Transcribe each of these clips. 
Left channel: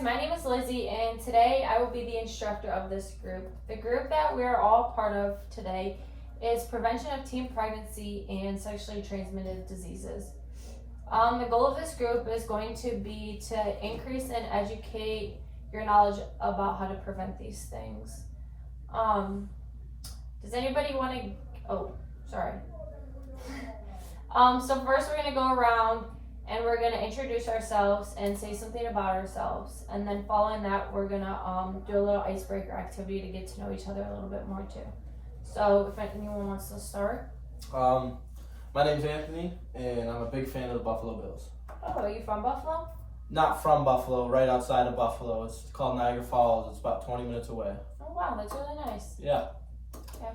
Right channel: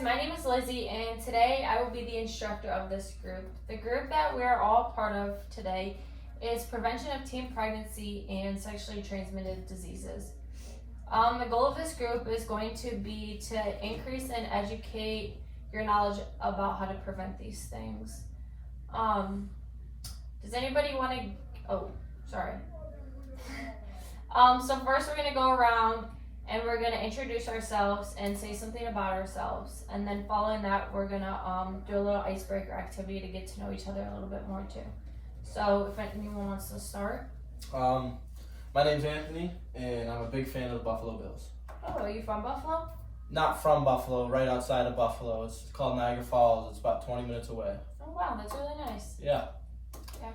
guys, my name is Lizzie, and today I will be the instructor of this group. The group that we're all part of today is prevention of teen pregnancy and sexually transmitted diseases. The goal of this group is going to be to increase and educate your knowledge about how to prevent these things. Does anybody want to, sorry. So first we're going to go around and we're going to introduce ourselves and say something about ourselves. And then following that, we're going to do a little icebreaker activity to get to know each other a little bit more too. So if anyone wants to start. My name's Anthony, and I'm a big fan of the Buffalo Bills. Oh, are you from Buffalo? Not from Buffalo, right outside of Buffalo. It's called Niagara Falls. It's about 20 minutes away. Oh wow, that's really nice. Yeah. Okay.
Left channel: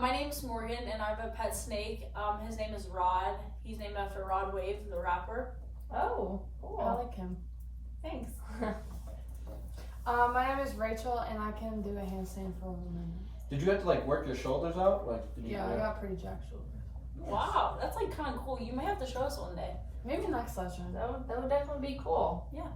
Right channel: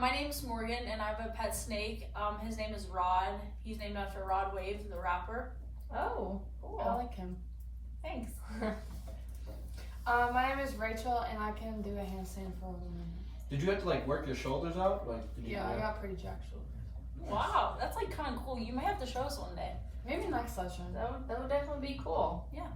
My name's Morgan, and I have a pet snake. His name is Rod. He's named after Rod Wave, the rapper. Oh, cool. I like him. Thanks. My name is Rachel, and I can do a handstand for a woman. Did you have to work your shoulders out? I got pretty jacked shoulders. Wow, that's kind of cool. You may have to show us one day. Maybe next session. That would definitely be cool. Yeah.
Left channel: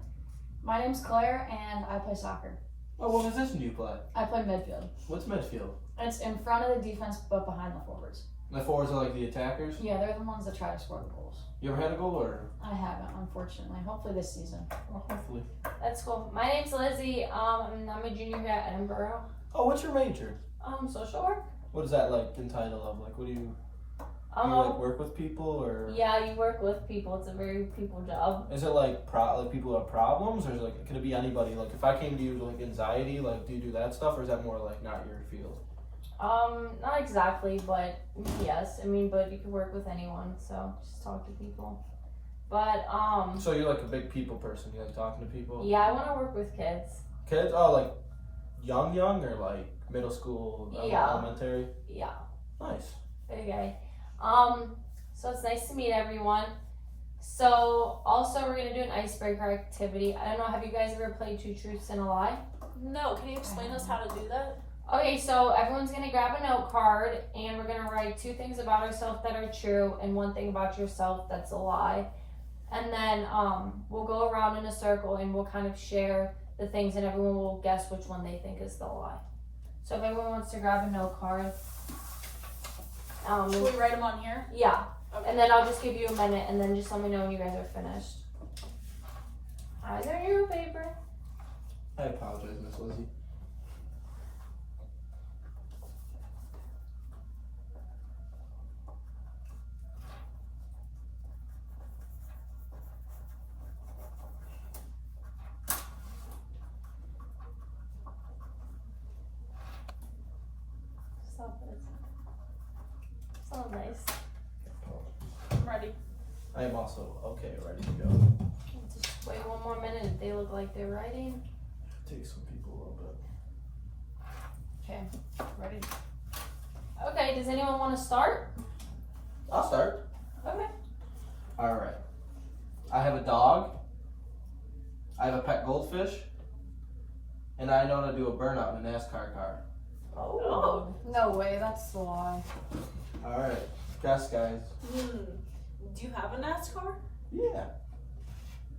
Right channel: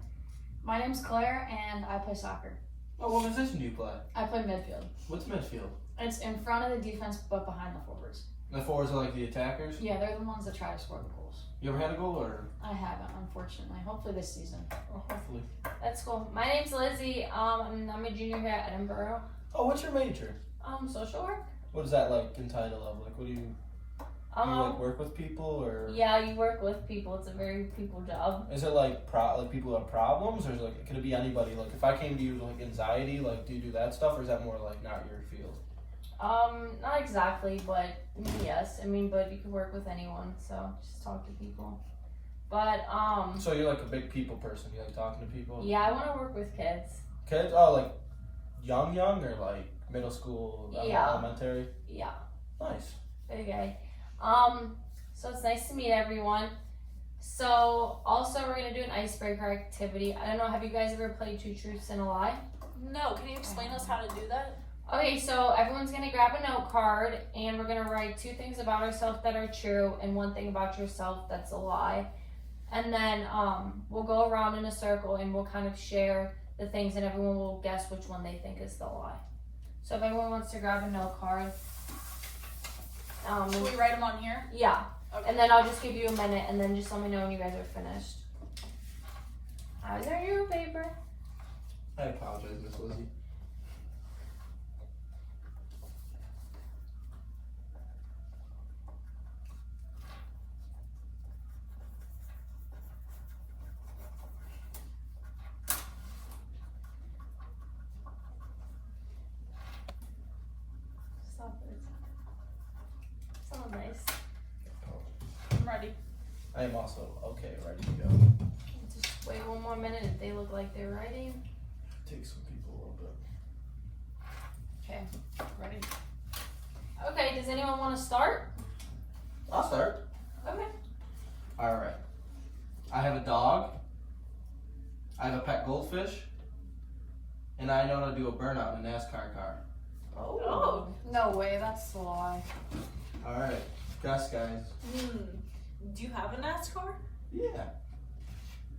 My name's Claire, and I play soccer. Oh, what position do you play? I play midfield. What's midfield? It's in front of the defense, but behind the forwards. The forwards are the attackers? Yeah, they're the ones that try to score the goals. You ever had a goal or? I haven't, unfortunately. Hopefully this season. Well, hopefully. That's cool. My name's Lizzie. I'm a junior here at Edinburgh. Oh, what's your major? Social work. What is that entitled of? What do you work with people or? Yeah, you work with people. It's a very people job. Is it people who have problems, or is it can it be anybody? If I came to you with anxiety, do you do that stuff, or is that more not your field? Not exactly, but yes. But you can work with anyone, so just talk to people. But So you're a big people person. You like talking to people? Yeah, I want to work with kids. Kids? Oh, young or middle school, Yeah. elementary? Yeah. Nice. Okay. So it's nice to meet everyone. So also we're gonna do an icebreaker activity. I don't know, have you guys ever played Two Truths and a Lie? No, can you explain us how to do that? Okay, so everyone's gonna grab a note card and we're gonna write 2 things about ourselves that are true and 1 thing about yourself that's a lie. And then we'll go around in a circle and we'll kind of share the things and everyone will guess which one they think is the lie. So if everyone wants to grab a note card. Can we write them on here? Yeah. Okay. And then I'll just give you a minute and then just let me know when you guys are finished. Is there your paper? I apologize, Miss Lizzie. Stop it. So nice. I'm ready. I am also ready to go. Just wait 1 more minute if they look like they're writing. Take some people a little bit. Okay, ready? Okay, does anyone want to start? I'll start. Okay. Alright. I have a dog. I have a pet goldfish. And I know how to do a burnout in a NASCAR car. Oh. No way, that's a lie. Alright. Guess, guys. Do you have a NASCAR? Yeah.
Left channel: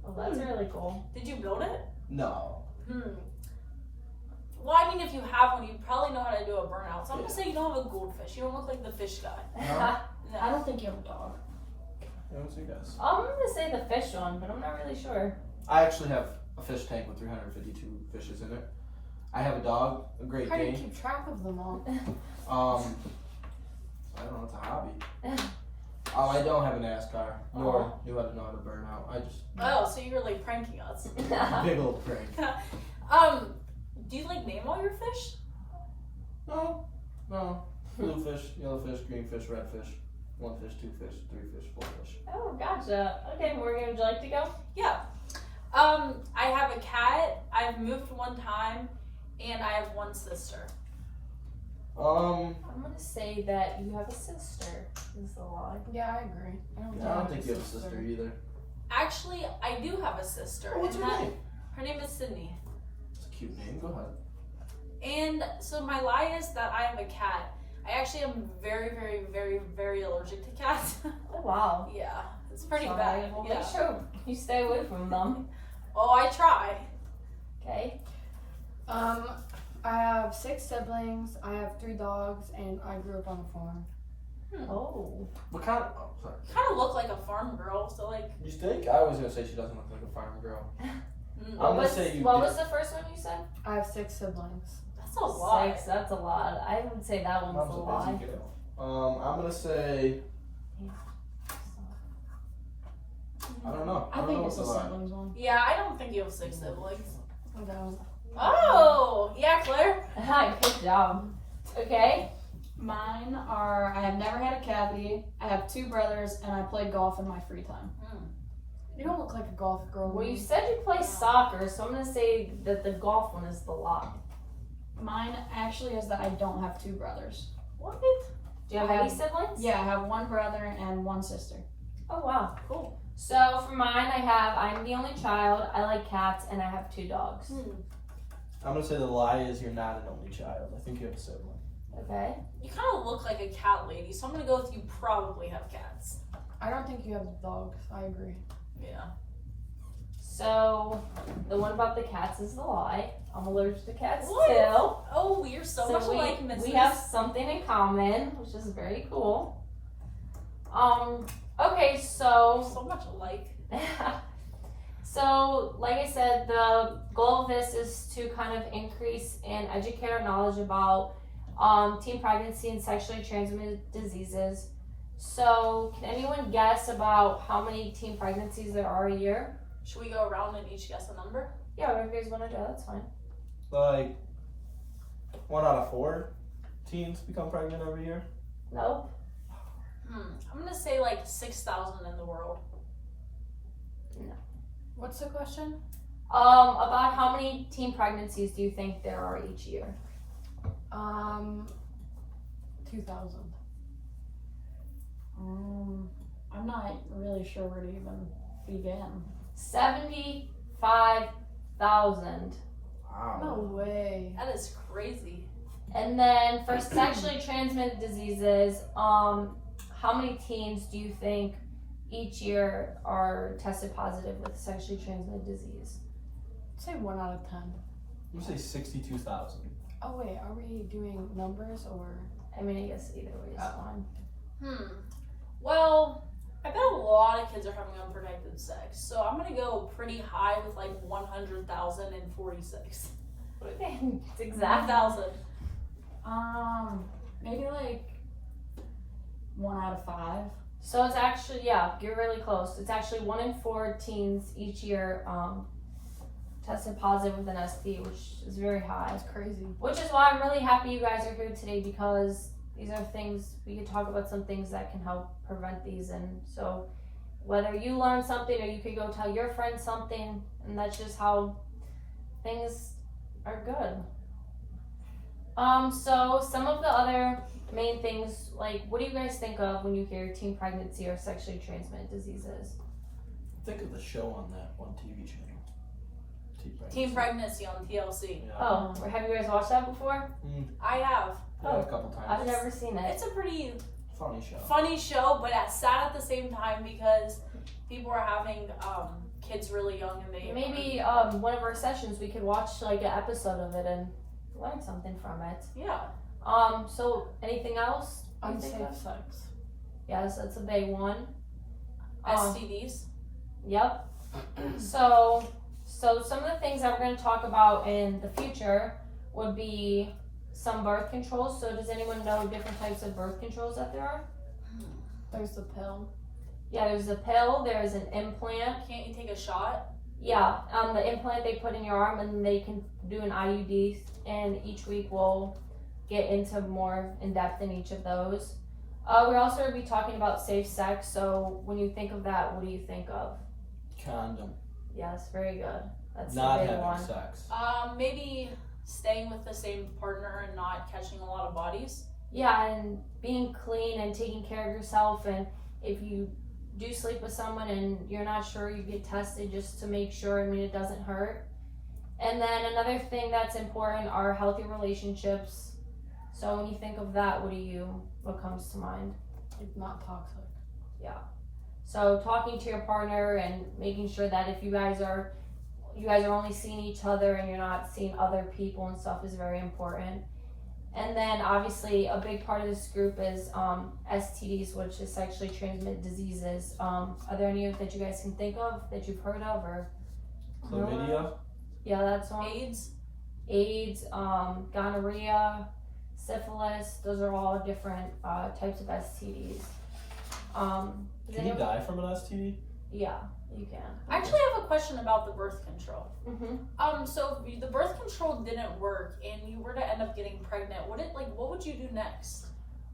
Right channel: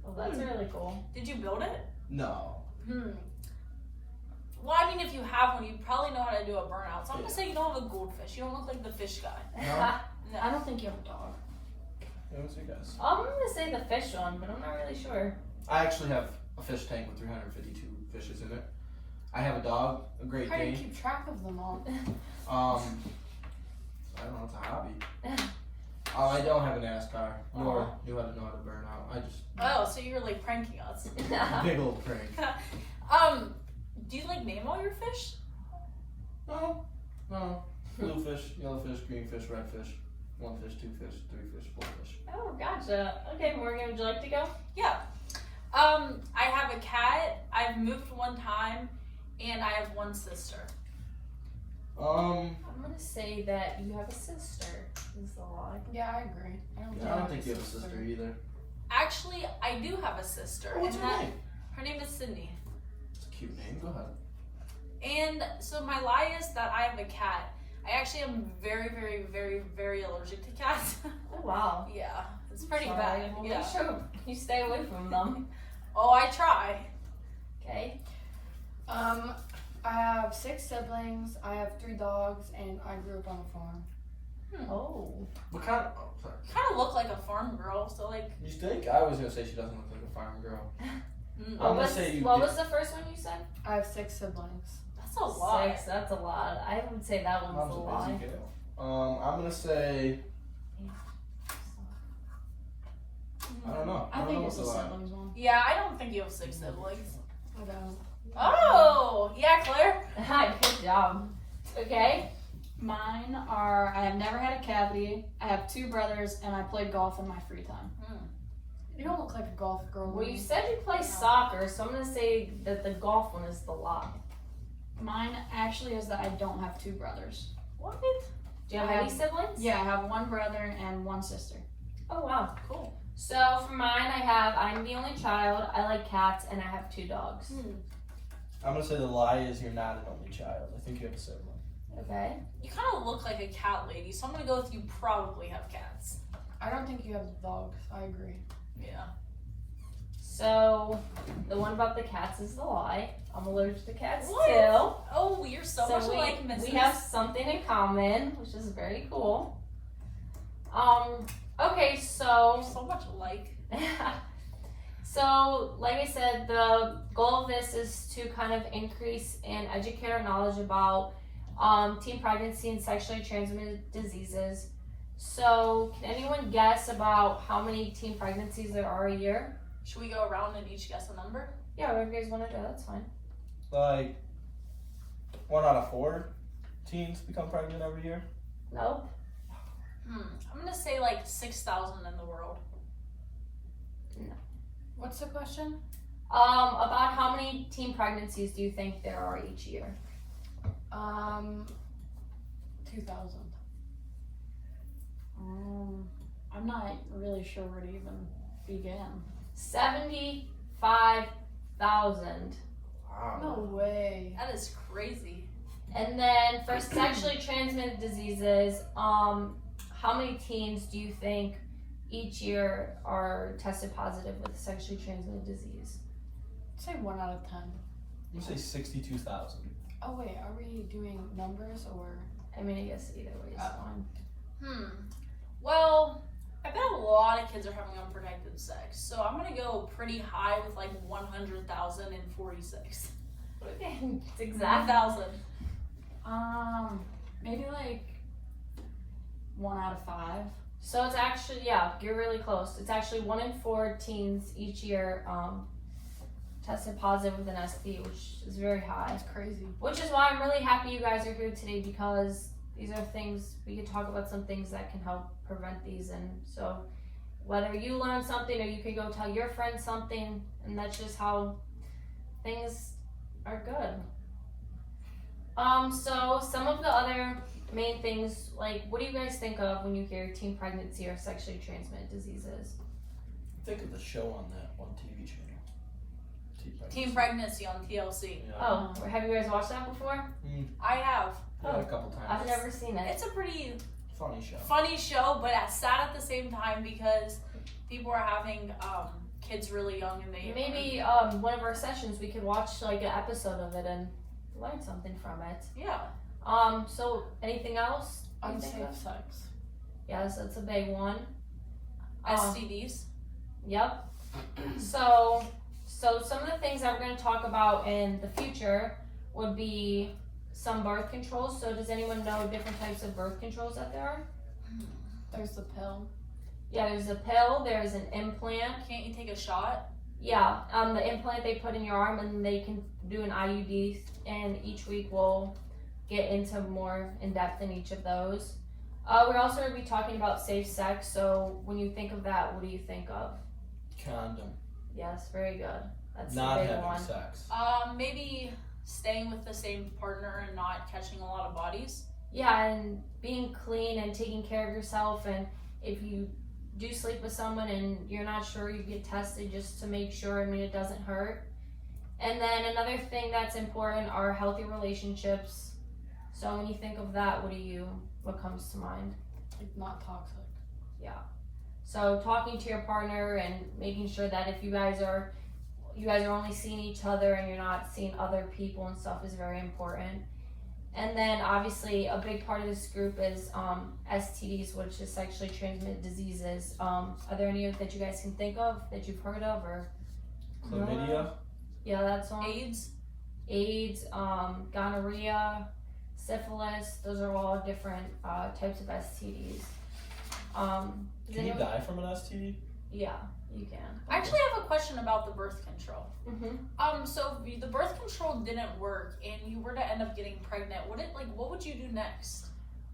Well, that's really cool. Did you build it? No. Well, if you have one, you probably know how to do a burnout. So I'm gonna say you don't have a goldfish. You don't look like the fish guy. No? I don't think you have a dog. What's your guess? I'm going to say the fish one, but I'm not really sure. I actually have a fish tank with 352 fishes in it. I have a dog, a Great How do you Dane. keep track of them all? I don't know, it's a hobby. I don't have a NASCAR, nor do I know how to burn out. I just Oh, so you're pranking us. big old prank. Do you name all your fish? No. Blue fish, yellow fish, green fish, red fish. 1 fish, 2 fish, 3 fish, 4 fish. Oh, gotcha. Okay, Morgan, would you like to go? Yeah. I have a cat. I've moved 1 time, and I have 1 sister. I'm going to say that you have a sister. Is the lie. Yeah, I agree. I don't think you have a sister either. Actually, I do have a sister. What's and her name? Her name is Sydney. It's a cute name. Go ahead. And so my lie is that I have a cat. I actually am very, very, very, very allergic to cats. Oh, wow. Yeah, it's pretty Sorry. bad. Well, Yeah. make sure you stay away from them. Oh, I try. siblings. I have 3 dogs, and I grew up on a farm. Oh. What kind of? Oh, sorry. Kind of look like a farm girl, so like. You think? I was gonna say she doesn't look like a farm girl. Mm, I'm gonna say you. What did. was the first one you said? I have 6 siblings. that's a lot. 6. That's a lot. I would say that one's Mom's a a lie. busy girl. I'm gonna say. I don't know. I think know it's a what's lie. siblings one. Yeah, I don't think you have 6 siblings. I don't. Oh, yeah, Claire. Hi, good job. Okay. Mine are I have never had a cavity, I have 2 brothers, and I play golf in my free time. You don't look like a golf girl. Well, you said you play soccer, so I'm gonna say that the golf one is the lie. Mine actually is that I don't have 2 brothers. What? Do you have I any have- siblings? Yeah, I have 1 brother and 1 sister. Oh wow, cool. So for mine, I'm the only child. I like cats, and I have 2 dogs. I'm gonna say the lie is you're not an only child. I think you have a sibling. Okay. You kind of look like a cat lady, so I'm gonna go with you probably have cats. I don't think you have dogs. I agree. Yeah. So the one about the cats is the lie. I'm allergic to cats What? still. Oh, you're so much alike, we Mrs. have something in common, which is very cool. Okay, You're so so much alike. so like I said, the goal of this is to kind of increase and educate our knowledge about teen pregnancy and sexually transmitted diseases. So can anyone guess about how many teen pregnancies there are a year? Should we go around and each guess a number? Yeah, whatever you guys want to do, that's fine. Like 1 out of 4 teens become pregnant every year. Nope. I'm gonna say like 6,000 in the world. What's the question? About how many teen pregnancies do you think there are each year? 2,000. I'm not really sure where to even begin. 75,000. Wow. No way. That is crazy. And then for sexually transmitted diseases, how many teens do you think each year are tested positive with sexually transmitted disease? Say 1 out of 10. You say 62,000. Oh wait, are we doing numbers or? I mean, I guess either way is fine. Well, I bet a lot of kids are having unprotected sex, so I'm gonna go pretty high with like 100,046. Okay, it's exact. 1,000. Maybe like 1 out of 5. So it's actually, yeah, you're really close. It's actually 1 in 4 teens each year tested positive with an STD, which is very high. That's crazy. Which is why I'm really happy you guys are here today, because these are things, we can talk about some things that can help prevent these. And so whether you learn something or you could go tell your friends something, and that's just how things are good. So some of the other main things, like what do you guys think of when you hear teen pregnancy or sexually transmitted diseases? Think of the show on that one TV channel. Teen pregnancy on TLC. Yeah. Oh, have you guys watched that before? I have. Yeah, a couple times. I've never seen it. It's a pretty Funny show. funny show, but sad at the same time because people are having kids really young and they Maybe one of our sessions we could watch like an episode of it and learn something from it. Yeah. So anything else? you think Unsafe of? sex. Yes, that's a big one. STDs. Yep. So some of the things that we're going to talk about in the future would be some birth controls. So does anyone know different types of birth controls that there are? There's the pill. Yeah, there's a pill, there's an implant. Can't you take a shot? Yeah, the implant they put in your arm, and they can do an IUD, and each week we'll get into more in depth in each of those. We're also going to be talking about safe sex. So when you think of that, what do you think of? Condom. Yes, very good. That's Not the big having one. sex. Maybe staying with the same partner and not catching a lot of bodies. Yeah, and being clean and taking care of yourself, and if you do sleep with someone and you're not sure, you get tested just to make sure. I mean, it doesn't hurt. And then another thing that's important are healthy relationships. So when you think of that, what comes to mind? Like not toxic. So talking to your partner and making sure that if you guys are only seeing each other and you're not seeing other people and stuff is very important. And then obviously a big part of this group is STDs, which is sexually transmitted diseases. Are there any that you guys can think of that you've heard of or? Chlamydia. Yeah, that's one. AIDS. Gonorrhea, syphilis. Those are all different types of STDs. Does Can you anyone- die from an STD? Yeah, you can. I actually have a question about the birth control. Mm-hmm. So if the birth control didn't work and you were to end up getting pregnant, what would you do next?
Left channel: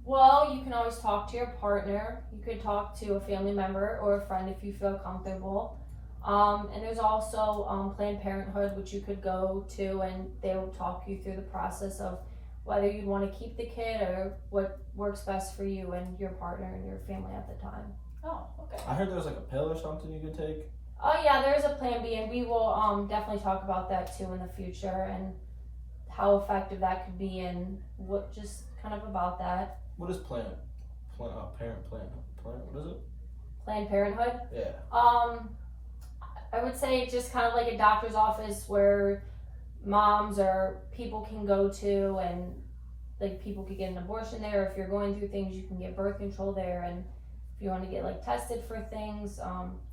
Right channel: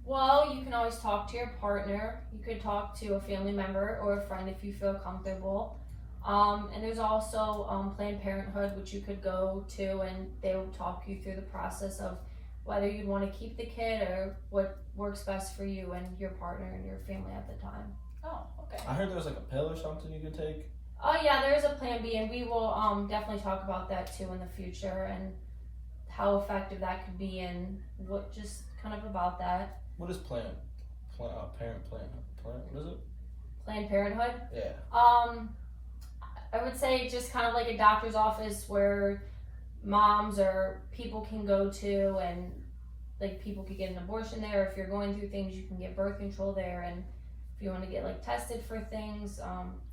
Well, you can always talk to your partner. You could talk to a family member or a friend if you feel comfortable. And there's also Planned Parenthood, which you could go to, and they will talk you through the process of whether you'd want to keep the kid or what works best for you and your partner and your family at the time. Oh, okay. I heard there was like a pill or something you could take. Oh yeah, there is a plan B, and we will definitely talk about that too in the future and how effective that could be and what just kind of about that. What is Planned Parenthood? What is it? Planned Parenthood. Yeah. I would say just kind of like a doctor's office where moms or people can go to, and like people could get an abortion there. If you're going through things, you can get birth control there, and if you want to get like tested for things,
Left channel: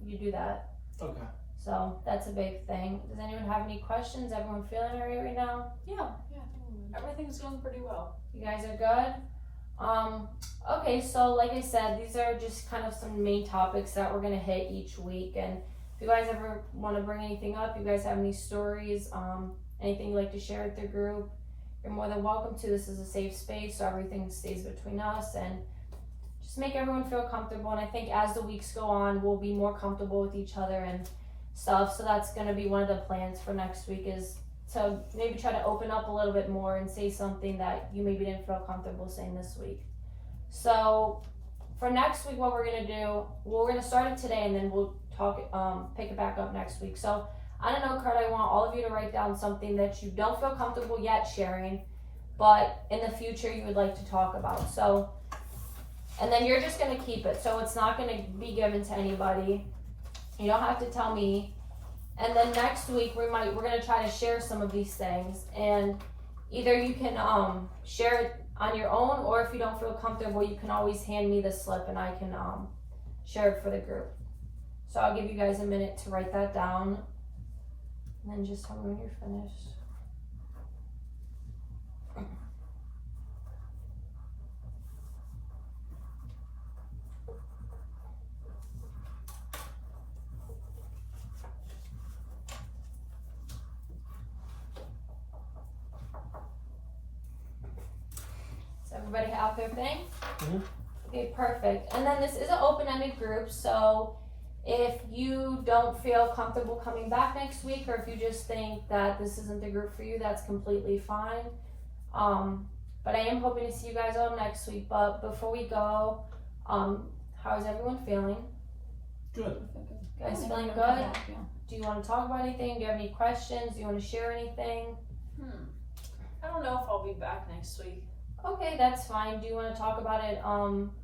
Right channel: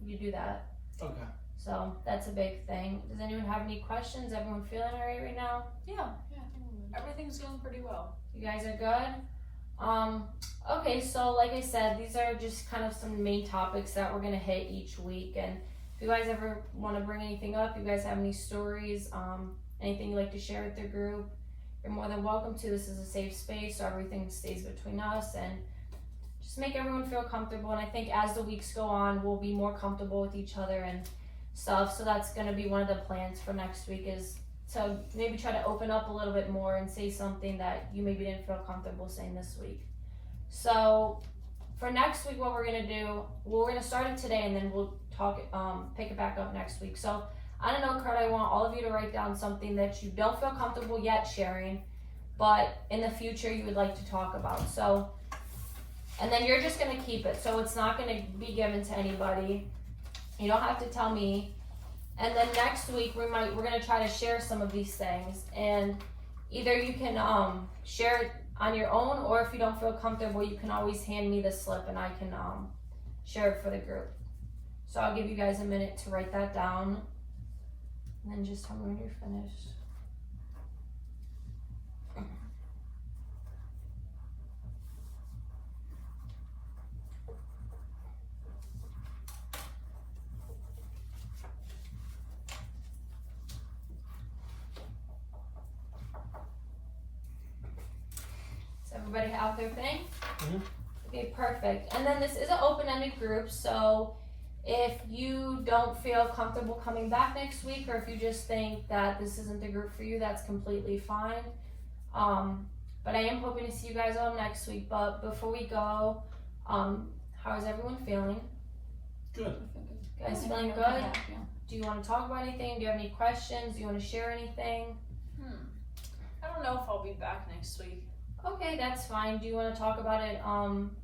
you do that. Okay. So that's a big thing. Does anyone have any questions? Everyone feeling all right right now? Yeah. Everything's going pretty well. You guys are good? Okay, so like I said, these are just kind of some main topics that we're gonna hit each week. And if you guys ever want to bring anything up, you guys have any stories, anything you'd like to share with the group, you're more than welcome to. This is a safe space, so everything stays between us and just make everyone feel comfortable. And I think as the weeks go on, we'll be more comfortable with each other and stuff. So that's gonna be one of the plans for next week, is to maybe try to open up a little bit more and say something that you maybe didn't feel comfortable saying this week. So for next week, what we're gonna do, we're gonna start it today and then we'll pick it back up next week. So I don't know, Kurt, I want all of you to write down something that you don't feel comfortable yet sharing, but in the future you would like to talk about. So, and then you're just gonna keep it. So it's not gonna be given to anybody. You don't have to tell me. And then next week we're gonna try to share some of these things, and either you can share it on your own, or if you don't feel comfortable, you can always hand me the slip and I can share it for the group. So I'll give you guys a minute to write that down, and then just tell me when you're finished. Does everybody have their thing? Mhm. Okay, perfect. And then this is an open-ended group, so if you don't feel comfortable coming back next week, or if you just think that this isn't the group for you, that's completely fine. But I am hoping to see you guys all next week. But before we go, how is everyone feeling? Good. You guys feeling good? Yeah. Do you want to talk about anything? Do you have any questions? Do you want to share anything? I don't know if I'll be back next week. Okay, that's fine. Do you want to talk about it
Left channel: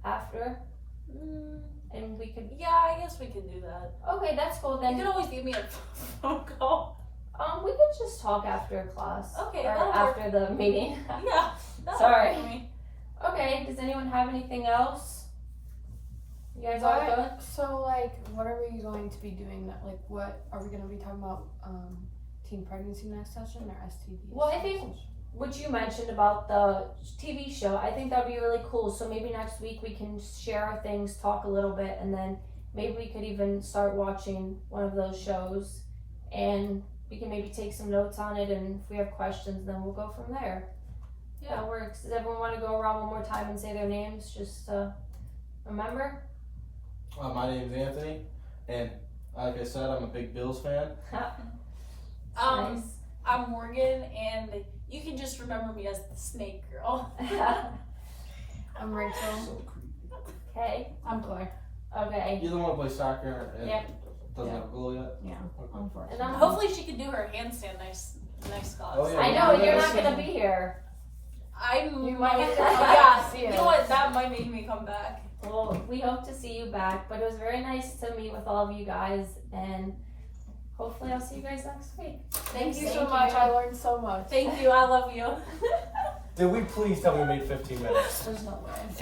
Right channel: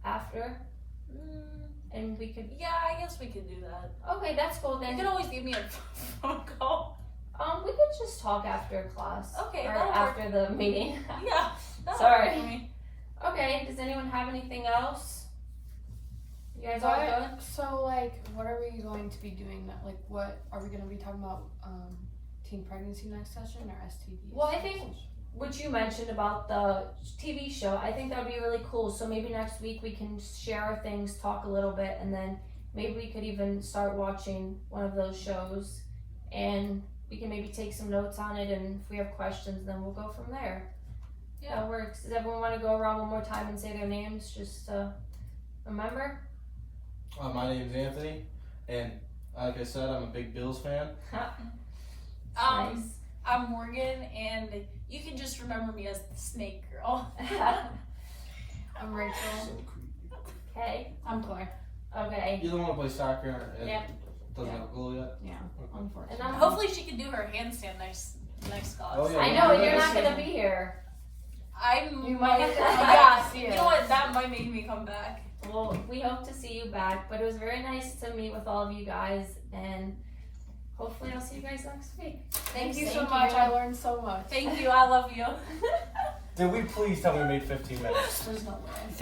after? And we could. Yeah, I guess we can do that. Okay, that's cool. You Then can always give me a phone call. we could just talk after class. Okay, or that'll work. after the meeting. Yeah. that'll Sorry. work for me. Okay. Does anyone have anything else? You guys all good? So, like, what are we going to be doing? Like, what are we going to be talking about? Teen pregnancy next session or STD? Well, I think what you mentioned about the TV show, I think that would be really cool. So maybe next week we can share our things, talk a little bit, and then maybe we could even start watching one of those shows, and we can maybe take some notes on it, and if we have questions, then we'll go from there. Yeah. That works. Does everyone want to go around one more time and say their names just to remember? My name's Anthony, and like I said, I'm a big Bills fan. Nice. I'm Morgan, and you can just remember me as the snake girl. I'm Rachel. Okay. I'm Claire. Okay. You're the one who plays soccer and Yeah. doesn't have a goal yet? Yeah, Okay. unfortunately. And I'm Hopefully she can do her handstand next class. Oh, yeah. I know you're not gonna be here. You might have to come back yeah, to see you us. know what? That might make me come back. Well, we hope to see you back, but it was very nice to meet with all of you guys, and hopefully I'll see you guys next week. Thank you so Thank much. you. I learned so much. Thank you. I love you. Did we please tell me we made 15 minutes? There's no way.